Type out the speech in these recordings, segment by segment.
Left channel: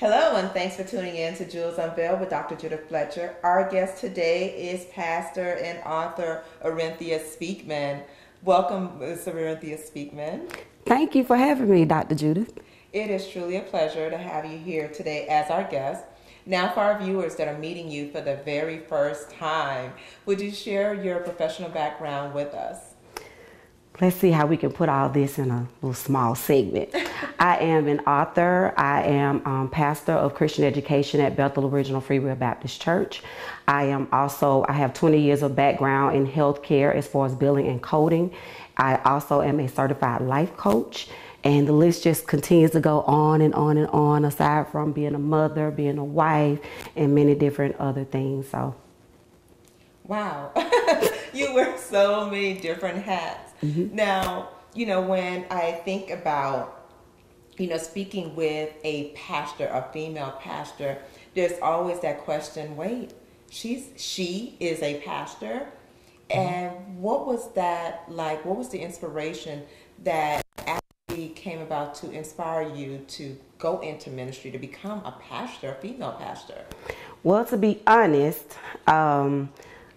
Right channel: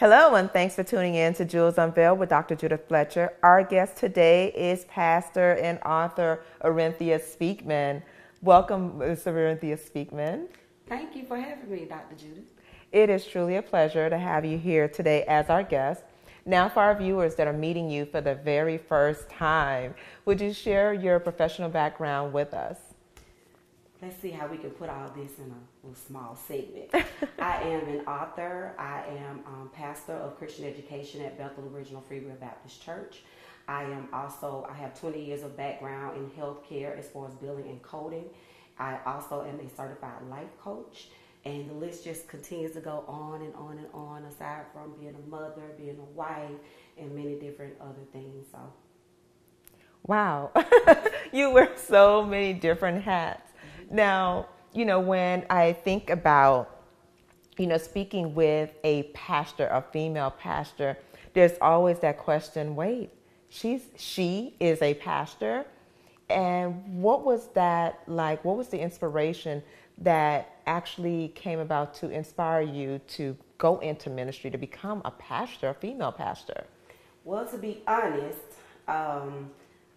Hello, and thanks for tuning in to Jules Unveiled with Dr. Judith Fletcher. Our guest today is pastor and author Orienthia Speakman. Welcome, Ms. Orienthia Speakman. Thank you for having me, Dr. Judith. It is truly a pleasure to have you here today as our guest. Now, for our viewers that are meeting you for the very first time, would you share your professional background with us? Let's see how we can put all this in a little small segment. I am an author. I am pastor of Christian education at Bethel Original Free Will Baptist Church. I have 20 years of background in healthcare as far as billing and coding. I also am a certified life coach. And the list just continues to go on and on and on, aside from being a mother, being a wife, and many different other things. So, wow, you wear so many different hats. Mm-hmm. Now, when I think about, speaking with a pastor, a female pastor, there's always that question, wait, she is a pastor? And what was that like? What was the inspiration that actually came about to inspire you to go into ministry, to become a pastor, a female pastor? Well, to be honest,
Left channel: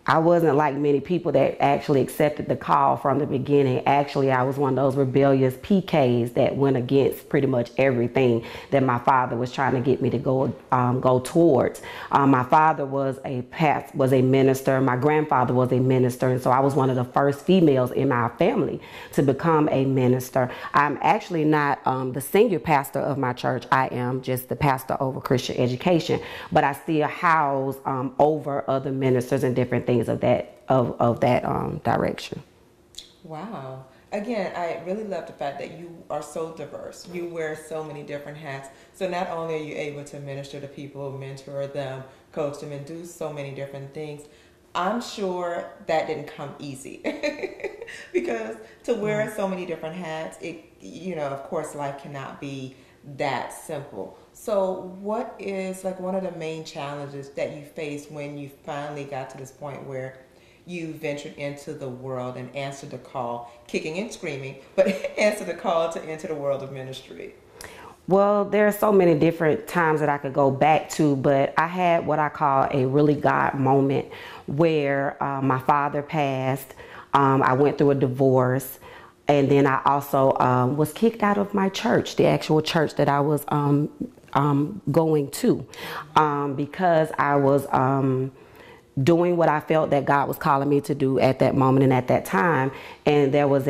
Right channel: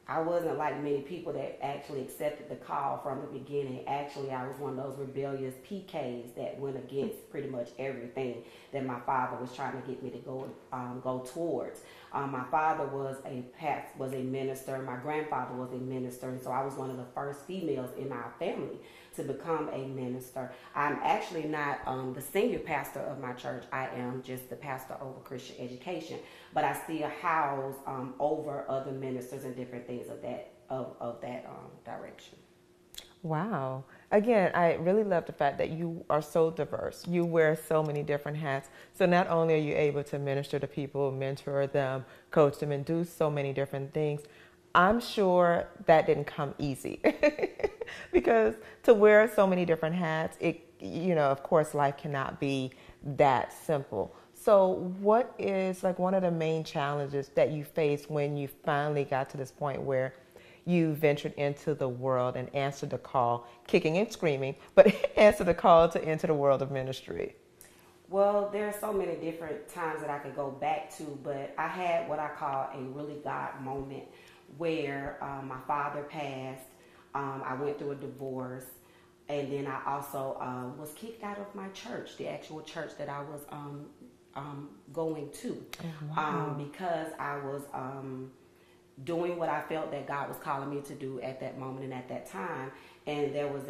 I wasn't like many people that actually accepted the call from the beginning. Actually, I was one of those rebellious PKs that went against pretty much everything that my father was trying to get me to go towards. My father was a minister. My grandfather was a minister, and so I was one of the first females in my family to become a minister. I'm actually not the senior pastor of my church. I am just the pastor over Christian education, but I still house over other ministers and different things of that direction. Wow. Again, I really love the fact that you are so diverse. You wear so many different hats. So not only are you able to minister to people, mentor them, coach them, and do so many different things, I'm sure that didn't come easy. Because to wear so many different hats, of course, life cannot be that simple. So what is like one of the main challenges that you faced when you finally got to this point where you ventured into the world and answered the call, kicking and screaming, but answered the call to enter the world of ministry? Well, there are so many different times that I could go back to, but I had what I call a really God moment where my father passed. I went through a divorce. And then I also was kicked out of my church, the actual church that I was going to, because I was doing what I felt that God was calling me to do at that moment and at that time. And there was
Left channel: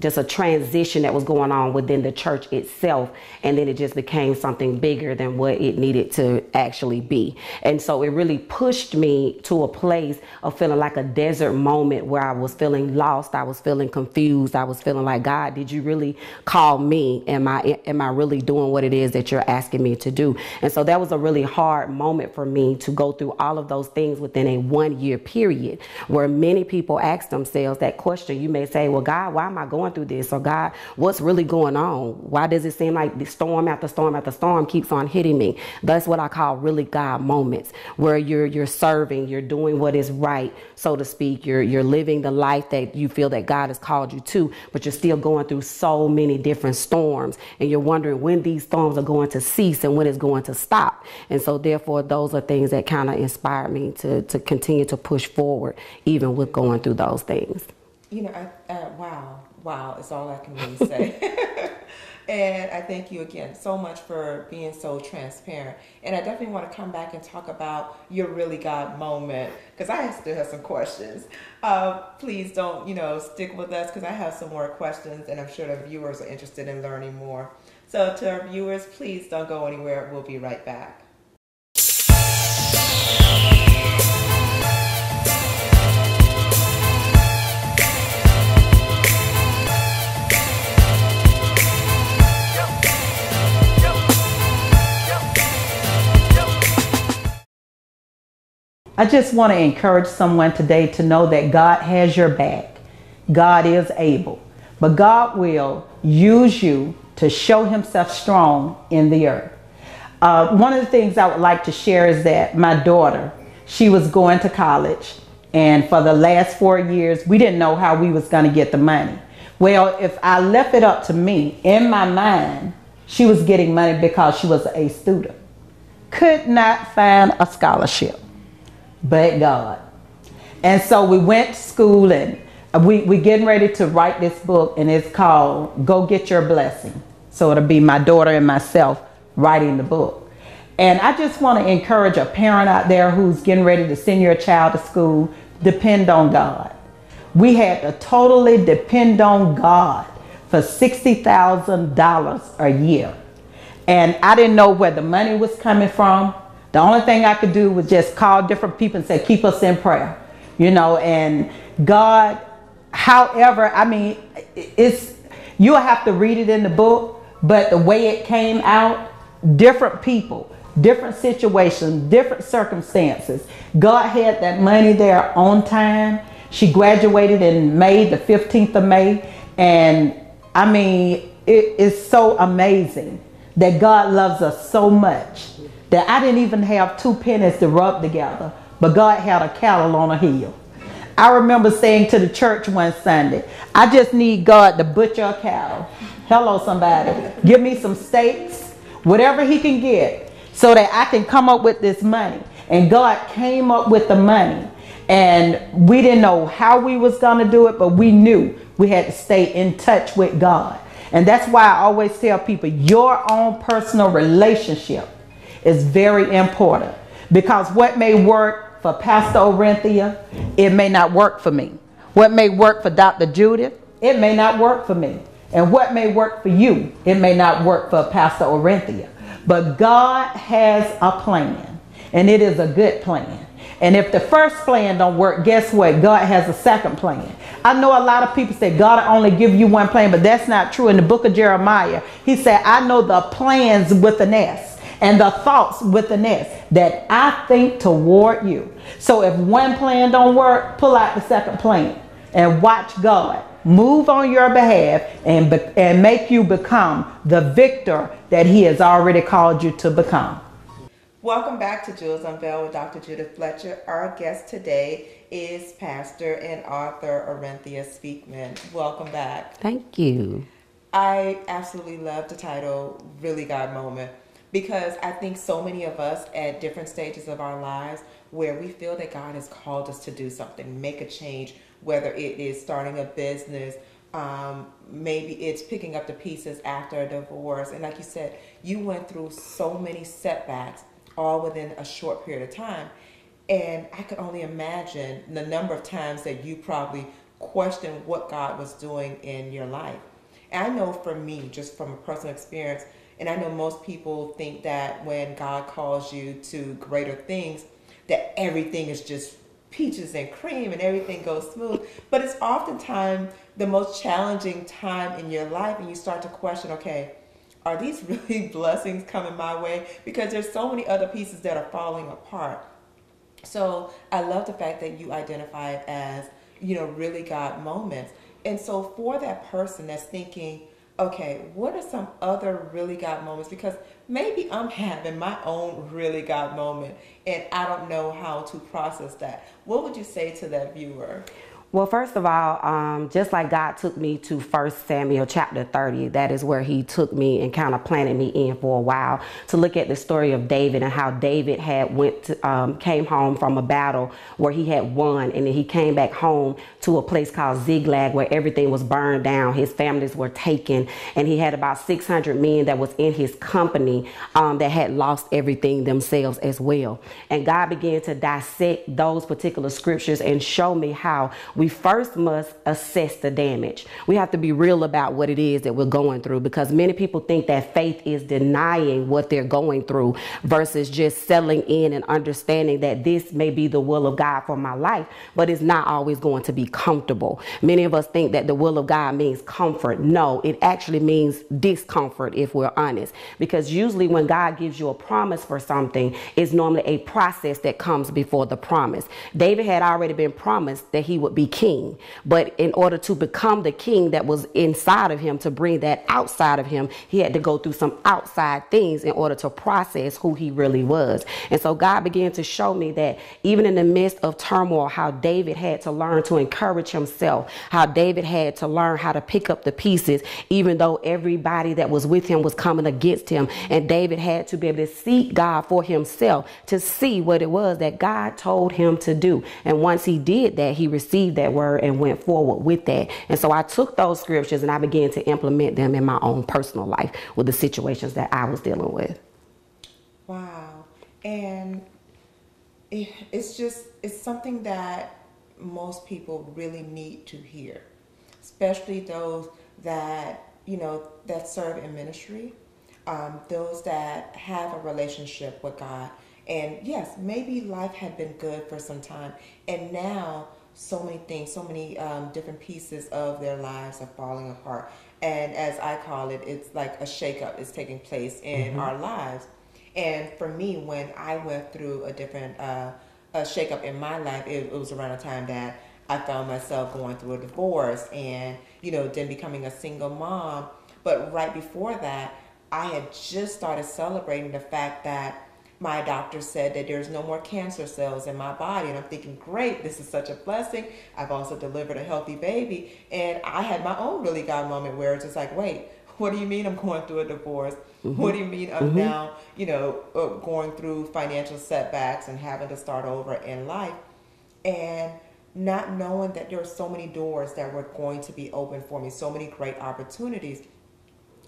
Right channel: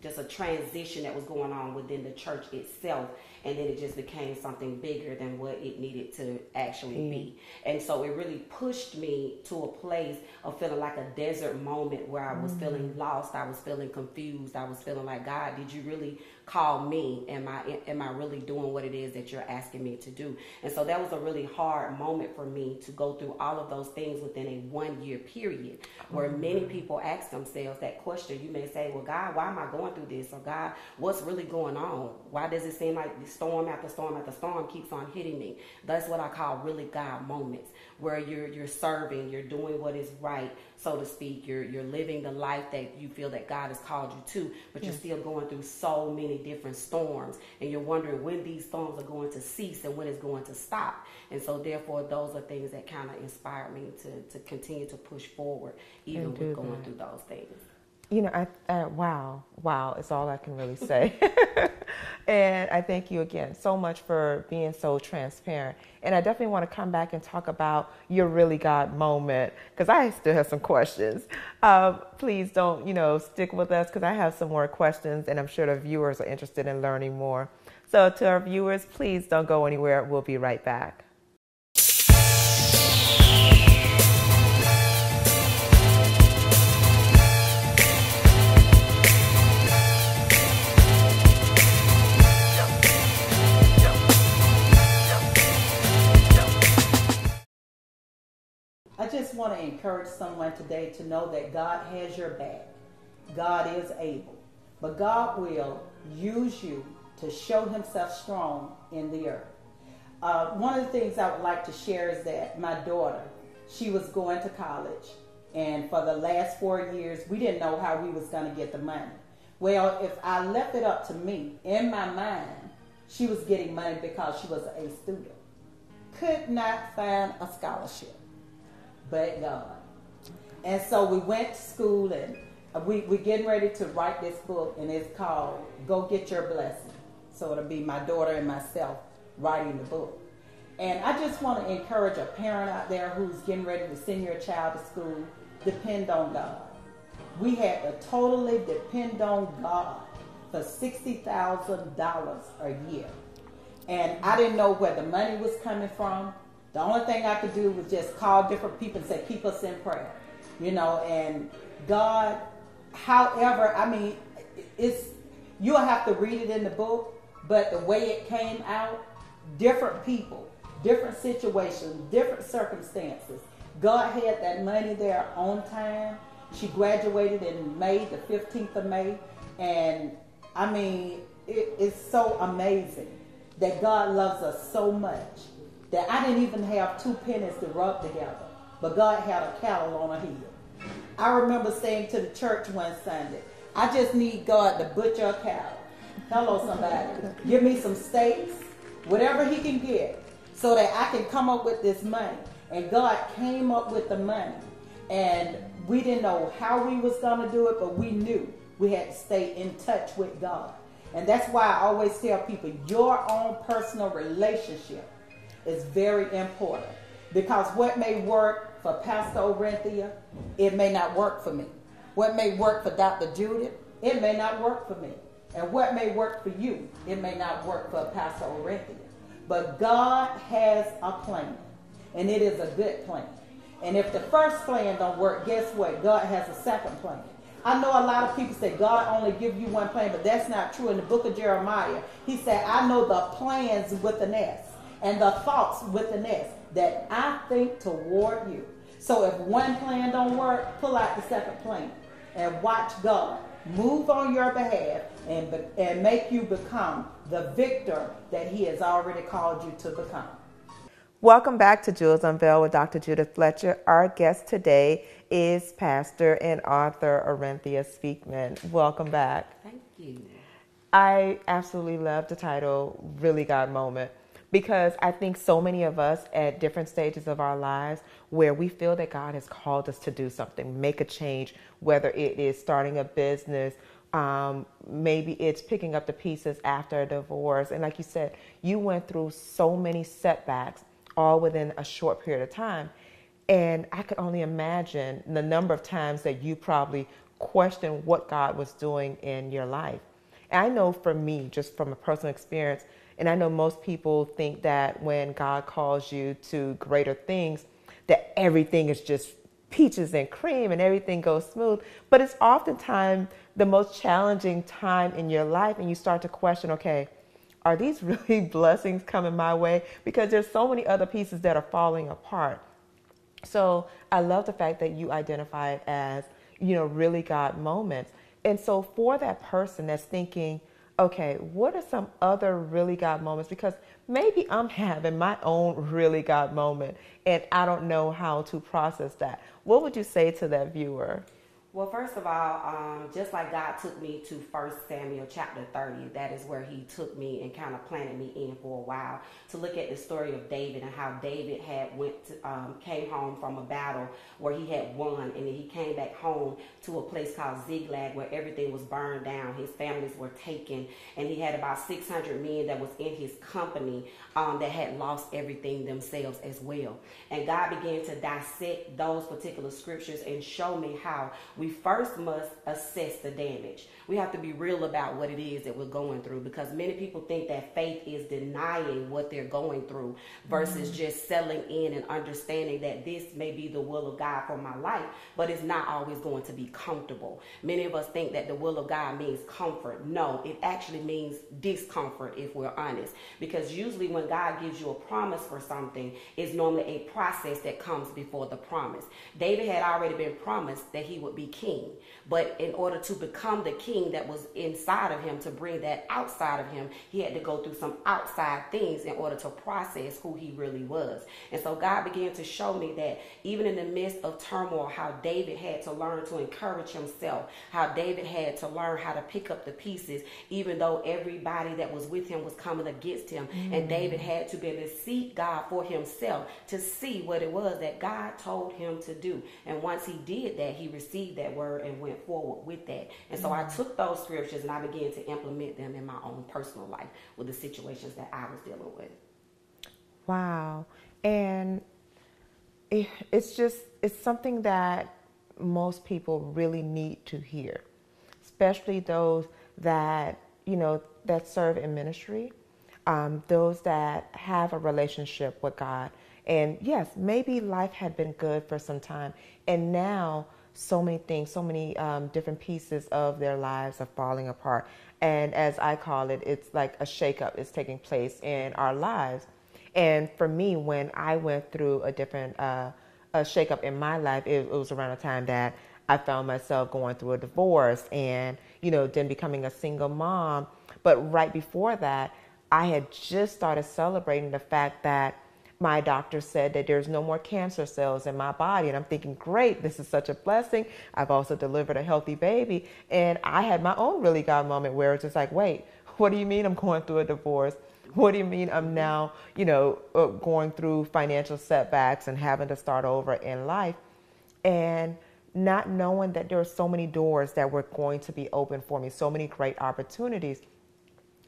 just a transition that was going on within the church itself. And then it just became something bigger than what it needed to actually be. And so it really pushed me to a place of feeling like a desert moment where I was feeling lost. I was feeling confused. I was feeling like, God, did you really call me? Am I really doing what it is that you're asking me to do? And so that was a really hard moment for me to go through all of those things within a 1-year period, where many people ask themselves that question. You may say, well, God, why am I going through this? Or God, what's really going on? Why does it seem like the storm after storm after storm keeps on hitting me? That's what I call really God moments, where you're serving, you're doing what is right, so to speak. You're living the life that you feel that God has called you to, but you're still going through so many different storms, and you're wondering when these storms are going to cease and when it's going to stop. And so therefore, those are things that kind of inspired me to continue to push forward, even with going through those things. Wow, is all I can really say. And I thank you again so much for being so transparent. And I definitely want to come back and talk about your really God moment, because I still have some questions. Please don't, stick with us, because I have some more questions, and I'm sure the viewers are interested in learning more. So to our viewers, please don't go anywhere. We'll be right back. I just want to encourage someone today to know that God has your back. God is able, but God will use you to show himself strong in the earth. One of the things I would like to share is that my daughter, she was going to college, and for the last 4 years, we didn't know how we was going to get the money. Well, if I left it up to me, in my mind, She was getting money because she was a student. Could not find a scholarship, but God. And so we went to school, and we getting ready to write this book, and it's called Go Get Your Blessing. So it'll be my daughter and myself writing the book. And I just want to encourage a parent out there who's getting ready to send your child to school, depend on God. We had to totally depend on God for $60,000 a year. And I didn't know where the money was coming from. The only thing I could do was just call different people and say, keep us in prayer. You know, and God, however, I mean, you'll have to read it in the book, but the way it came out, different people, different situations, different circumstances. God had that money there on time. She graduated in May, the 15th of May. And I mean, it is so amazing that God loves us so much that I didn't even have 2 pennies to rub together, but God had a cattle on a hill. I remember saying to the church one Sunday, I just need God to butcher a cow. Hello, somebody. Give me some steaks, whatever he can get, so that I can come up with this money. And God came up with the money. And we didn't know how we was going to do it, but we knew we had to stay in touch with God. And that's why I always tell people, your own personal relationship is very important. Because what may work for Pastor Orienthia, it may not work for me. What may work for Dr. Judith, it may not work for me. And what may work for you, it may not work for Pastor Orienthia. But God has a plan, and it is a good plan. And if the first plan don't work, guess what? God has a second plan. I know a lot of people say God only give you one plan, but that's not true. In the book of Jeremiah, he said, I know the plans with an S and the thoughts with an S that I think toward you. So if one plan don't work, pull out the second plan and watch God move on your behalf and make you become the victor that he has already called you to become. Welcome back to Jewels Unveiled with Dr. Judith Fletcher. Our guest today is Pastor and author Orienthia Speakman. Welcome back. Thank you. I absolutely love the title, Really God Moment, because I think so many of us at different stages of our lives where we feel that God has called us to do something, make a change, whether it is starting a business, maybe it's picking up the pieces after a divorce. And like you said, you went through so many setbacks all within a short period of time. And I could only imagine the number of times that you probably questioned what God was doing in your life. And I know for me, just from a personal experience, and I know most people think that when God calls you to greater things, that everything is just peaches and cream and everything goes smooth. But it's oftentimes the most challenging time in your life, and you start to question, okay, are these really blessings coming my way? Because there's so many other pieces that are falling apart. So I love the fact that you identify it as, really God moments. And so for that person that's thinking, okay, what are some other really God moments? Because maybe I'm having my own really God moment and I don't know how to process that. What would you say to that viewer? Well, first of all, just like God took me to 1 Samuel chapter 30, that is where he took me and kind of planted me in for a while to look at the story of David and how David had came home from a battle where he had won, and then he came back home to a place called Ziklag where everything was burned down. His families were taken, and he had about 600 men that was in his company that had lost everything themselves as well. And God began to dissect those particular scriptures and show me how we first must assess the damage. We have to be real about what it is that we're going through, because many people think that faith is denying what they're going through versus just settling in and understanding that this may be the will of God for my life, but it's not always going to be comfortable. Many of us think that the will of God means comfort. No, it actually means discomfort, if we're honest, because usually when God gives you a promise for something, it's normally a process that comes before the promise. David had already been promised that he would be be king. But in order to become the king that was inside of him, to bring that outside of him, he had to go through some outside things in order to process who he really was. And so God began to show me that even in the midst of turmoil, how David had to learn to encourage himself, how David had to learn how to pick up the pieces, even though everybody that was with him was coming against him. And David had to be able to seek God for himself to see what it was that God told him to do. And once he did that, he received that word and went forward with that. And so I took those scriptures and I began to implement them in my own personal life with the situations that I was dealing with. Wow. And it's something that most people really need to hear, especially those that, that serve in ministry, those that have a relationship with God. And yes, maybe life had been good for some time, and now so many things, so many different pieces of their lives are falling apart. And as I call it, it's like a shakeup is taking place in our lives. And for me, when I went through a different a shakeup in my life, it was around the time that I found myself going through a divorce and, then becoming a single mom. But right before that, I had just started celebrating the fact that my doctor said that there's no more cancer cells in my body. And I'm thinking, great, this is such a blessing. I've also delivered a healthy baby. And I had my own really God moment where it's just like, wait, what do you mean I'm going through a divorce? What do you mean I'm now, going through financial setbacks and having to start over in life? And not knowing that there are so many doors that were going to be open for me, so many great opportunities.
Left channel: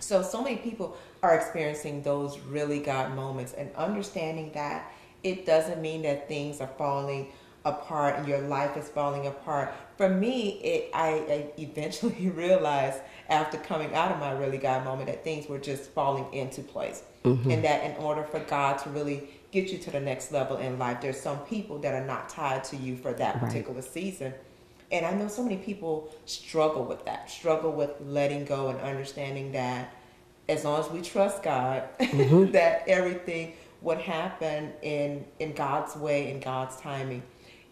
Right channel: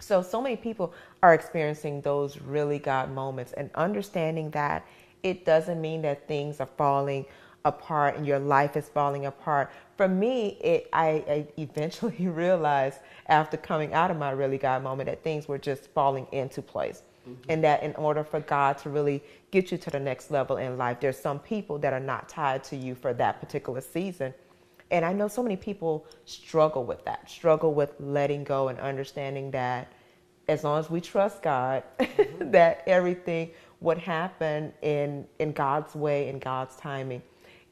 So many people are experiencing those really God moments, and understanding that it doesn't mean that things are falling apart and your life is falling apart. For me, I eventually realized after coming out of my really God moment that things were just falling into place. And that in order for God to really get you to the next level in life, there's some people that are not tied to you for that particular season. And I know so many people struggle with that, struggle with letting go and understanding that as long as we trust God, that everything would happen in God's way, in God's timing,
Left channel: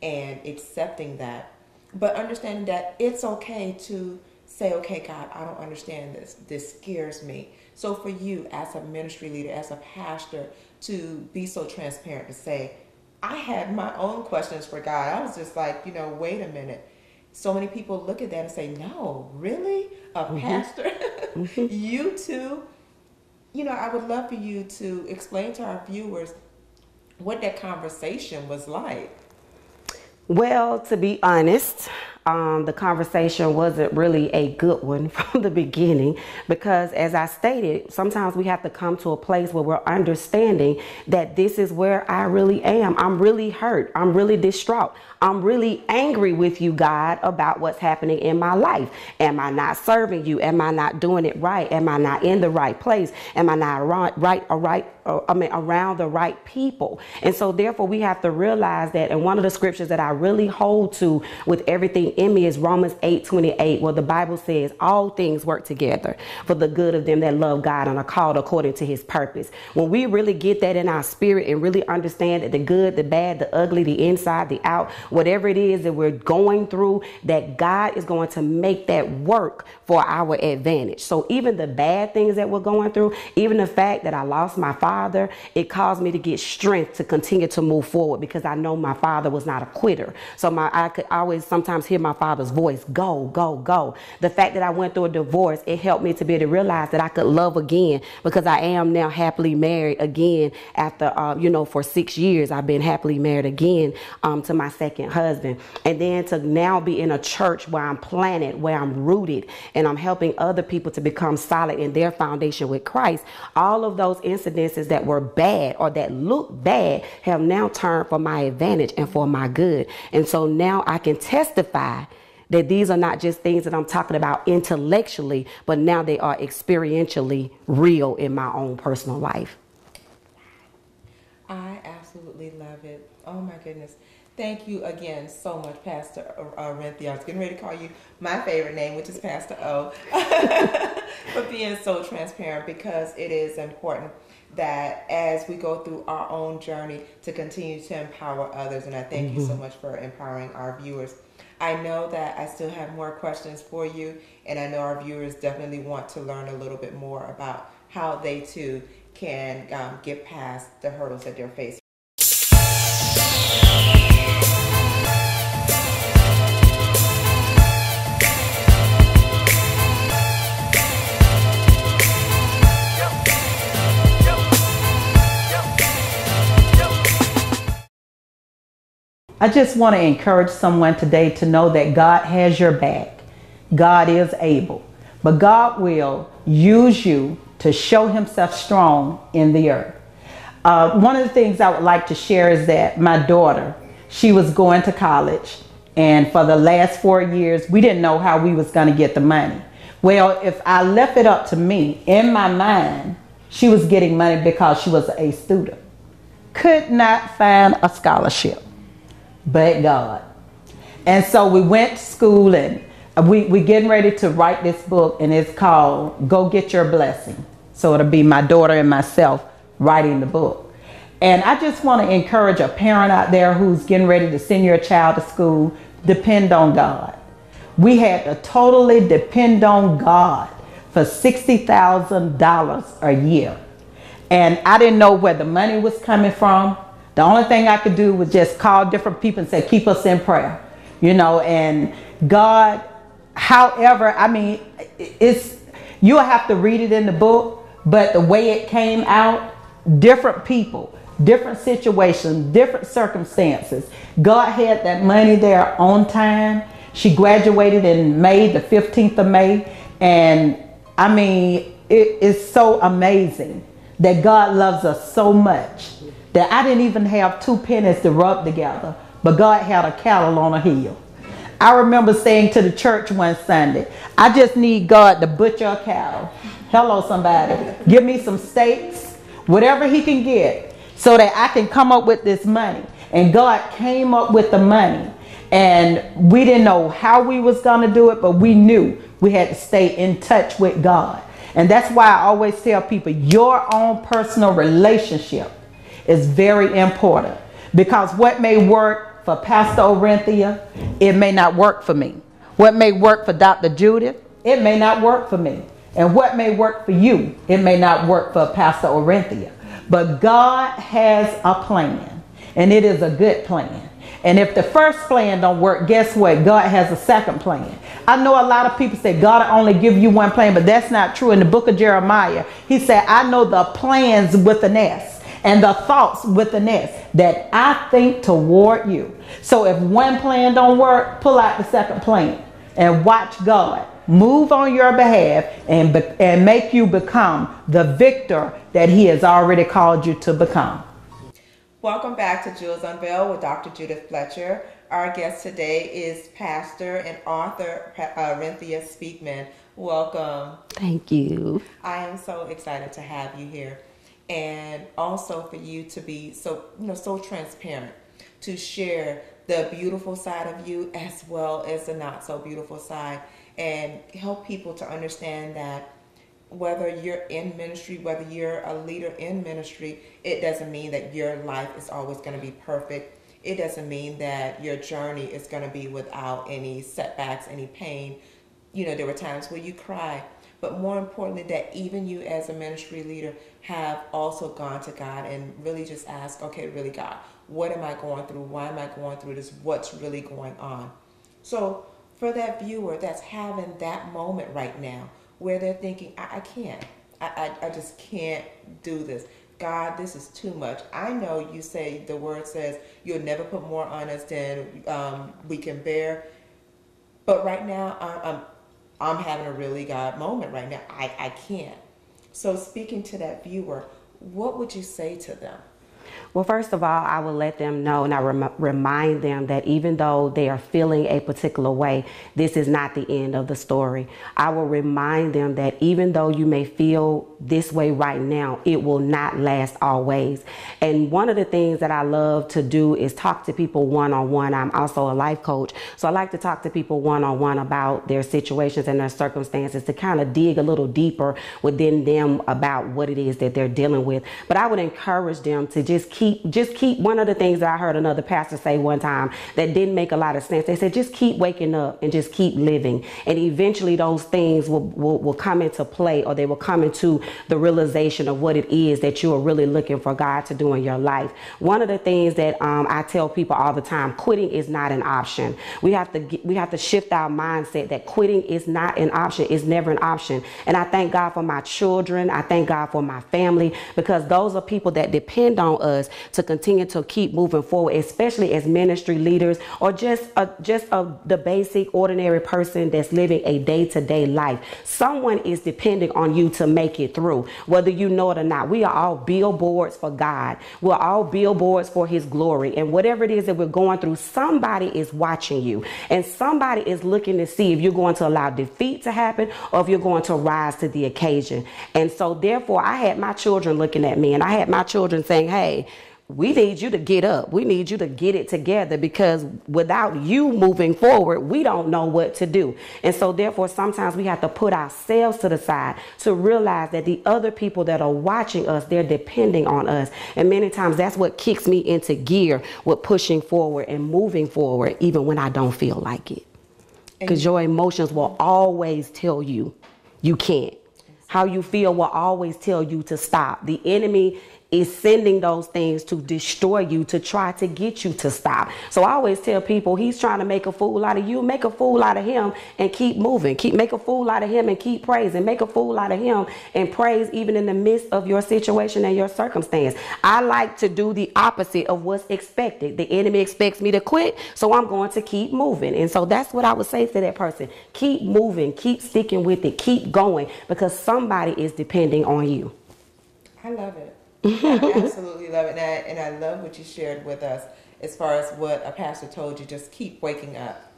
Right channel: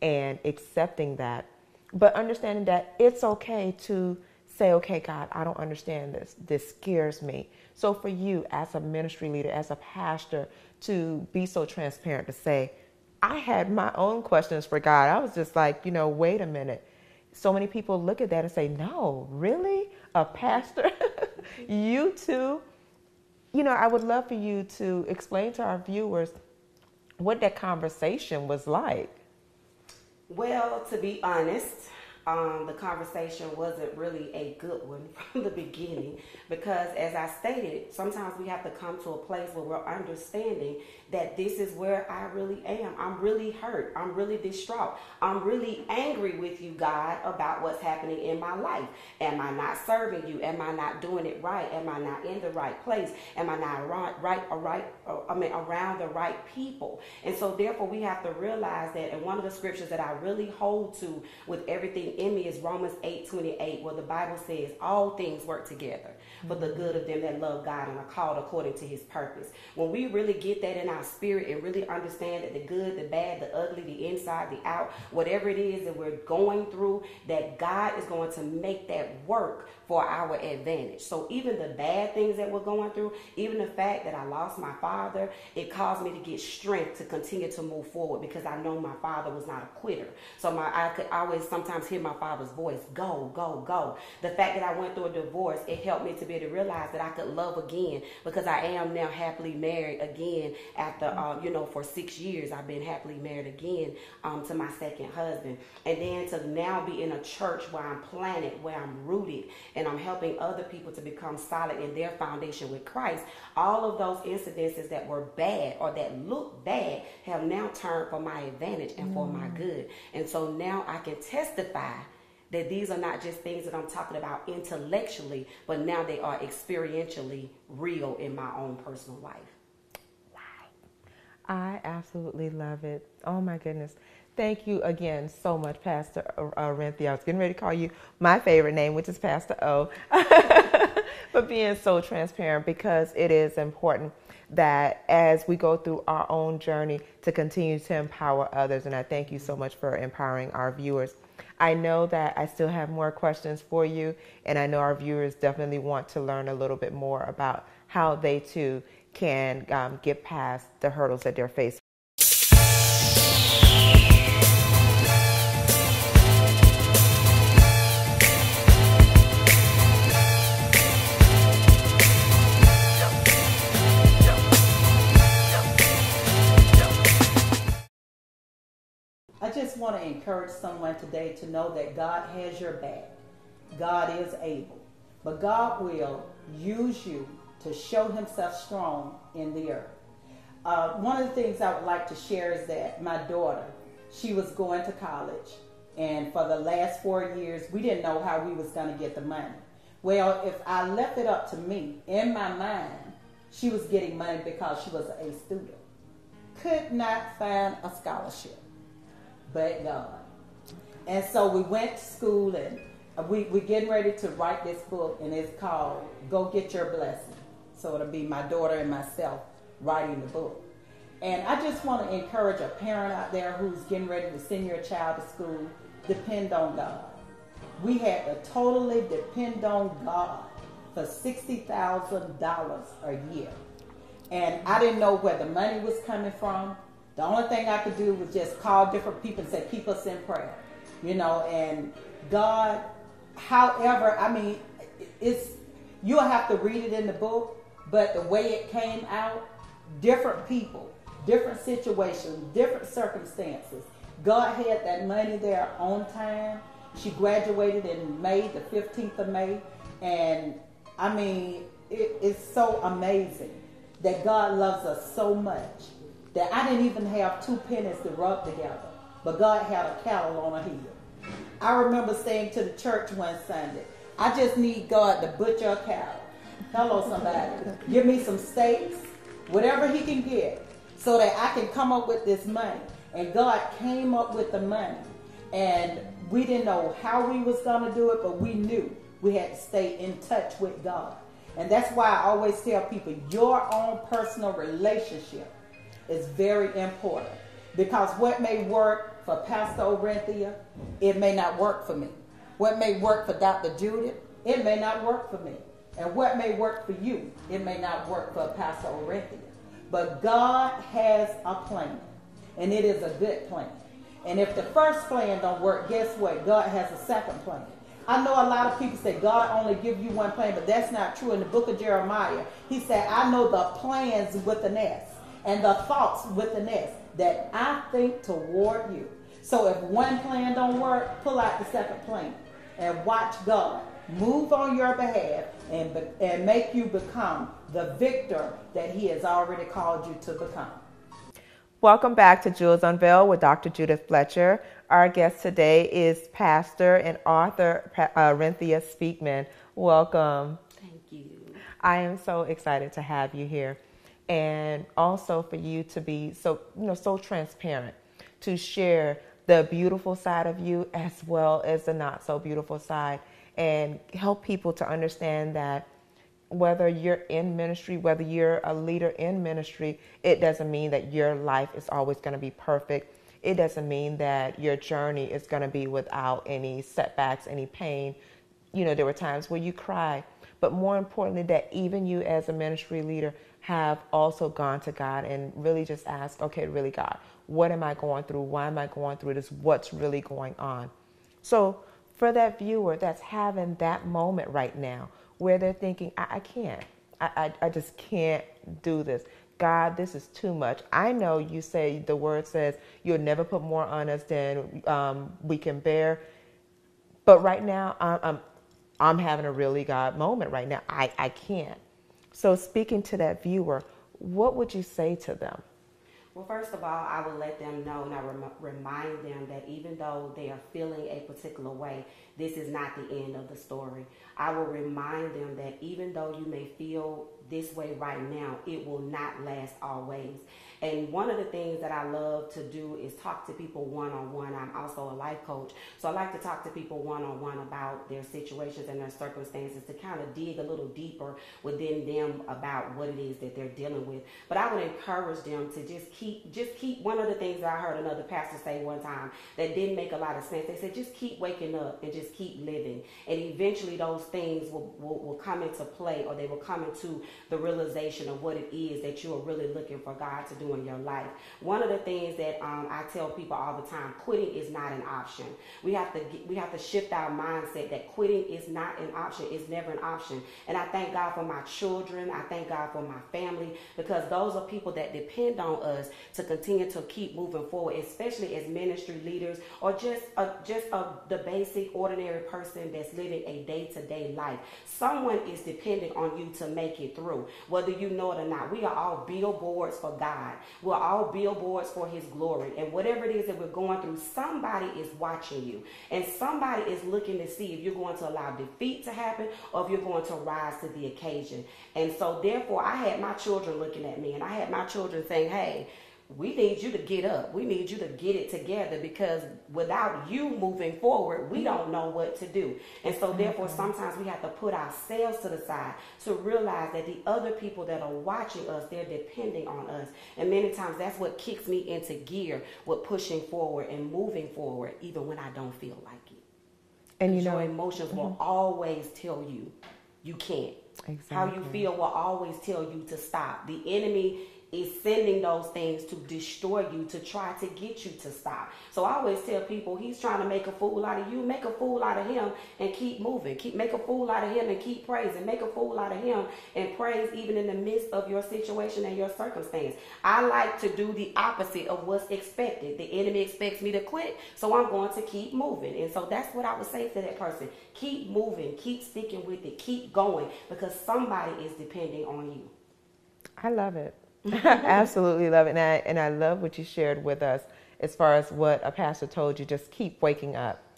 and accepting that. But understanding that it's okay to say, okay, God, I don't understand this. This scares me. So for you as a ministry leader, as a pastor, to be so transparent to say, I had my own questions for God. I was just like, wait a minute. So many people look at that and say, no, really? A pastor? You too? I would love for you to explain to our viewers what that conversation was like. Well, to be honest, the conversation wasn't really a good one from the beginning, because as I stated, sometimes we have to come to a place where we're understanding that this is where I really am. I'm really hurt. I'm really distraught. I'm really angry with you, God, about what's happening in my life. Am I not serving you? Am I not doing it right? Am I not in the right place? Am I not around the right people? And so therefore we have to realize that, and one of the scriptures that I really hold to with everything in me is Romans 8:28, where the Bible says all things work together for the good of them that love God and are called according to his purpose. When we really get that in our spirit and really understand that the good, the bad, the ugly, the inside, the out, whatever it is that we're going through, that God is going to make that work for our advantage. So even the bad things that we're going through, even the fact that I lost my father, it caused me to get strength to continue to move forward, because I know my father was not a quitter. So I could always sometimes hear my father's voice, go, go, go. The fact that I went through a divorce, it helped me to be able to realize that I could love again, because I am now happily married again after, for 6 years, I've been happily married again to my second husband. And then to now be in a church where I'm planted, where I'm rooted, and I'm helping other people to become solid in their foundation with Christ. All of those incidences that were bad or that looked bad have now turned for my advantage and for my good. And so now I can testify that these are not just things that I'm talking about intellectually, but now they are experientially real in my own personal life. I absolutely love it. Oh my goodness. Thank you again so much, Pastor Orienthia. I was getting ready to call you my favorite name, which is Pastor O, for being so transparent, because it is important that as we go through our own journey to continue to empower others. And I thank you so much for empowering our viewers. I know that I still have more questions for you, and I know our viewers definitely want to learn a little bit more about how they too can get past the hurdles that they're facing. I just want to encourage someone today to know that God has your back. God is able, but God will use you to show himself strong in the earth. One of the things I would like to share is that my daughter, she was going to college, and for the last 4 years, we didn't know how we was going to get the money. Well, if I left it up to me, in my mind, she was getting money because she was a student. Could not find a scholarship, but God. And so we went to school, and we getting ready to write this book, and it's called Go Get Your Blessing. So it'll be my daughter and myself writing the book. And I just want to encourage a parent out there who's getting ready to send your child to school, depend on God. We had to totally depend on God for $60,000 a year. And I didn't know where the money was coming from. The only thing I could do was just call different people and say, keep us in prayer, you know, and God, however, I mean, you'll have to read it in the book, but the way it came out, different people, different situations, different circumstances. God had that money there on time. She graduated in May, the 15th of May. And I mean, it is so amazing that God loves us so much that I didn't even have 2 pennies to rub together, but God had a cattle on a hill. I remember saying to the church one Sunday, I just need God to butcher a cow. Hello, somebody. Give me some steaks, whatever he can get, so that I can come up with this money. And God came up with the money. And we didn't know how we was going to do it, but we knew we had to stay in touch with God. And that's why I always tell people, your own personal relationship is very important. Because what may work for Pastor Orienthia, it may not work for me. What may work for Dr. Judith, it may not work for me. And what may work for you, it may not work for Pastor Orienthia. But God has a plan, and it is a good plan. And if the first plan don't work, guess what? God has a second plan. I know a lot of people say God will only give you one plan, but that's not true. In the book of Jeremiah, he said, I know the plans with an S and the thoughts with an S that I think toward you. So if one plan don't work, pull out the second plan and watch God move on your behalf and make you become the victor that he has already called you to become. Welcome back to Jewels Unveiled with Dr. Judith Fletcher. Our guest today is pastor and author Orienthia Speakman. Welcome. Thank you. I am so excited to have you here, and also for you to be so transparent, to share the beautiful side of you as well as the not so beautiful side, and help people to understand that whether you're in ministry, whether you're a leader in ministry, it doesn't mean that your life is always going to be perfect. It doesn't mean that your journey is going to be without any setbacks, any pain. You know, there were times where you cried, but more importantly, that even you as a ministry leader have also gone to God and really just asked, okay, really God, what am I going through? Why am I going through this? What's really going on? So for that viewer that's having that moment right now, where they're thinking, I can't. I just can't do this. God, this is too much. I know you say, the word says, you'll never put more on us than we can bear. But right now, I'm having a really God moment right now. I can't. So speaking to that viewer, what would you say to them? Well, first of all, I will let them know, and I remind them that even though they are feeling a particular way, this is not the end of the story. I will remind them that even though you may feel this way right now, it will not last always. And one of the things that I love to do is talk to people one-on-one. I'm also a life coach, so I like to talk to people one-on-one about their situations and their circumstances, to kind of dig a little deeper within them about what it is that they're dealing with. But I would encourage them to just keep keep. One of the things that I heard another pastor say one time that didn't make a lot of sense, they said, just keep waking up and just keep living. And eventually those things will come into play, or they will come into the realization of what it is that you are really looking for God to do in your life. One of the things that I tell people all the time, quitting is not an option. We have to shift our mindset that quitting is not an option. It's never an option. And I thank God for my children. I thank God for my family, because those are people that depend on us to continue to keep moving forward, especially as ministry leaders, or just the basic ordinary person that's living a day-to-day life. Someone is depending on you to make it through, whether you know it or not. We are all billboards for God. We're all billboards for his glory. And whatever it is that we're going through, somebody is watching you, and somebody is looking to see if you're going to allow defeat to happen or if you're going to rise to the occasion. And so therefore, I had my children looking at me, and I had my children saying, hey, we need you to get up. We need you to get it together, because without you moving forward, we don't know what to do. And so therefore, sometimes we have to put ourselves to the side to realize that the other people that are watching us, they're depending on us. And many times that's what kicks me into gear with pushing forward and moving forward, even when I don't feel like it. Because your emotions will always tell you you can't. Exactly. How you feel will always tell you to stop. The enemy is sending those things to destroy you, to try to get you to stop. So I always tell people, he's trying to make a fool out of you. Make a fool out of him and keep moving. Make a fool out of him and keep praising. Make a fool out of him and praise even in the midst of your situation and your circumstance. I like to do the opposite of what's expected. The enemy expects me to quit, so I'm going to keep moving. And so that's what I would say to that person. Keep moving, keep sticking with it, keep going, because somebody is depending on you. I love it. I absolutely love it. And I love what you shared with us as far as what a pastor told you. Just keep waking up.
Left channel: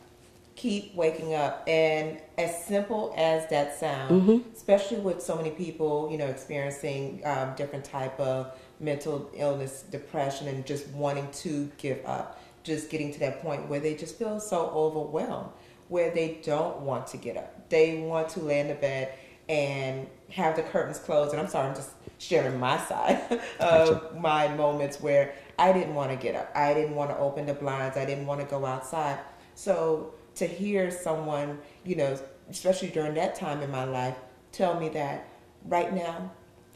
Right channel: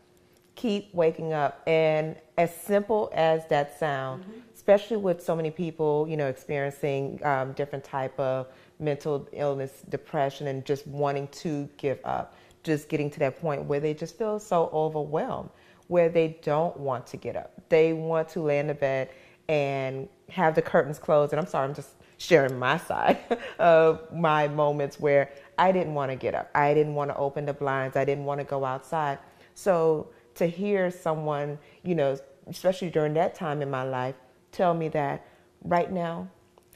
Keep waking up. And as simple as that sounds, especially with so many people, experiencing different type of mental illness, depression, and just wanting to give up, just getting to that point where they just feel so overwhelmed, where they don't want to get up. They want to lay in the bed and have the curtains closed. And I'm sorry, I'm just sharing my side of my moments where I didn't want to get up. I didn't want to open the blinds. I didn't want to go outside. So to hear someone, especially during that time in my life, tell me that right now,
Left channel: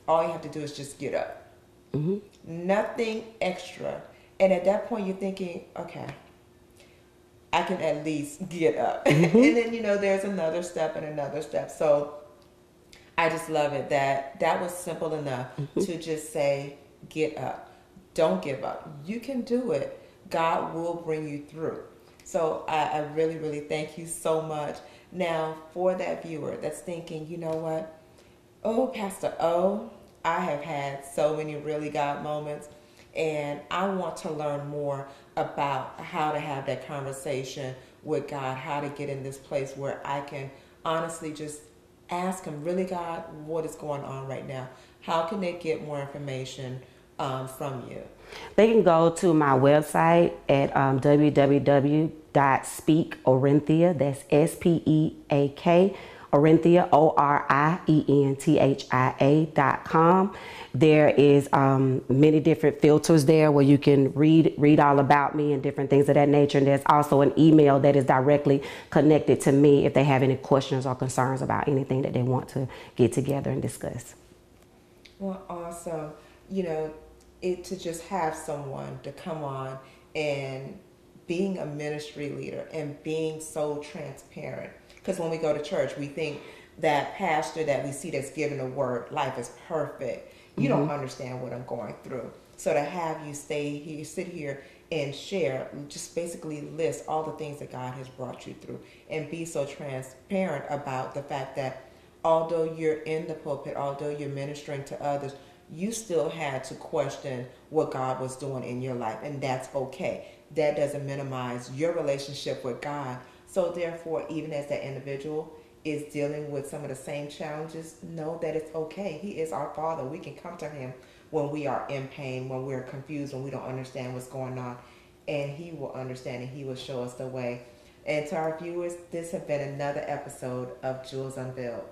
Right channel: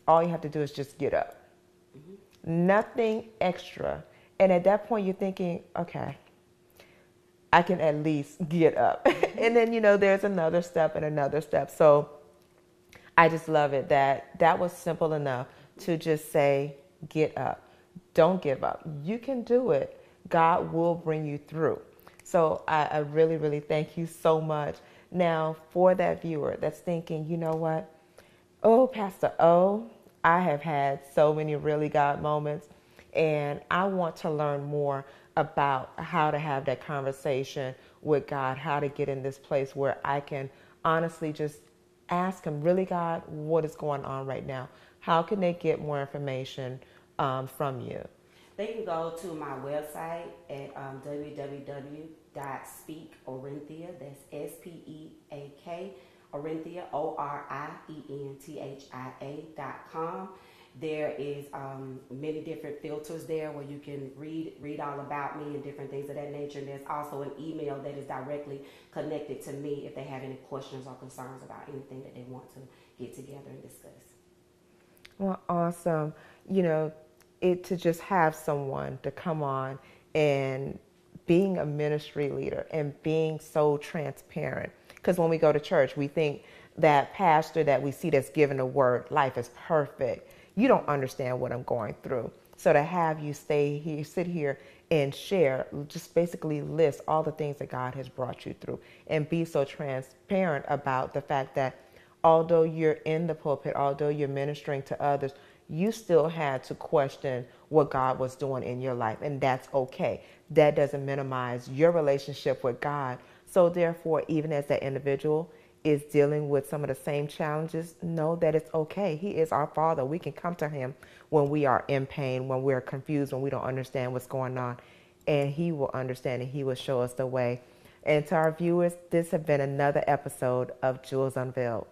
all you have to do is just get up. Nothing extra. And at that point, you're thinking, okay, I can at least get up. And then, there's another step and another step. So I just love it that was simple enough to just say, get up. Don't give up. You can do it. God will bring you through. So I really, really thank you so much. Now, for that viewer that's thinking, you know what? Oh, Pastor O, I have had so many really God moments, and I want to learn more about how to have that conversation with God, how to get in this place where I can honestly just ask him, really, God, what is going on right now? How can they get more information from you? They can go to my website at www.speak-orienthia, that's S-P-E-A-K, Orienthia, ORIENTHIA.com. There is many different filters there where you can read all about me and different things of that nature. And there's also an email that is directly connected to me if they have any questions or concerns about anything that they want to get together and discuss. Well, awesome. To just have someone to come on and being a ministry leader and being so transparent. Because when we go to church, we think that pastor that we see that's giving the word, life is perfect. You don't understand what I'm going through. So to have you sit here and share, just basically list all the things that God has brought you through and be so transparent about the fact that although you're in the pulpit, although you're ministering to others, you still had to question what God was doing in your life, and that's okay. That doesn't minimize your relationship with God. So therefore, even as that individual is dealing with some of the same challenges, know that it's okay. He is our Father. We can come to him when we are in pain, when we're confused, when we don't understand what's going on, and he will understand and he will show us the way. And to our viewers, this has been another episode of Jewels Unveiled.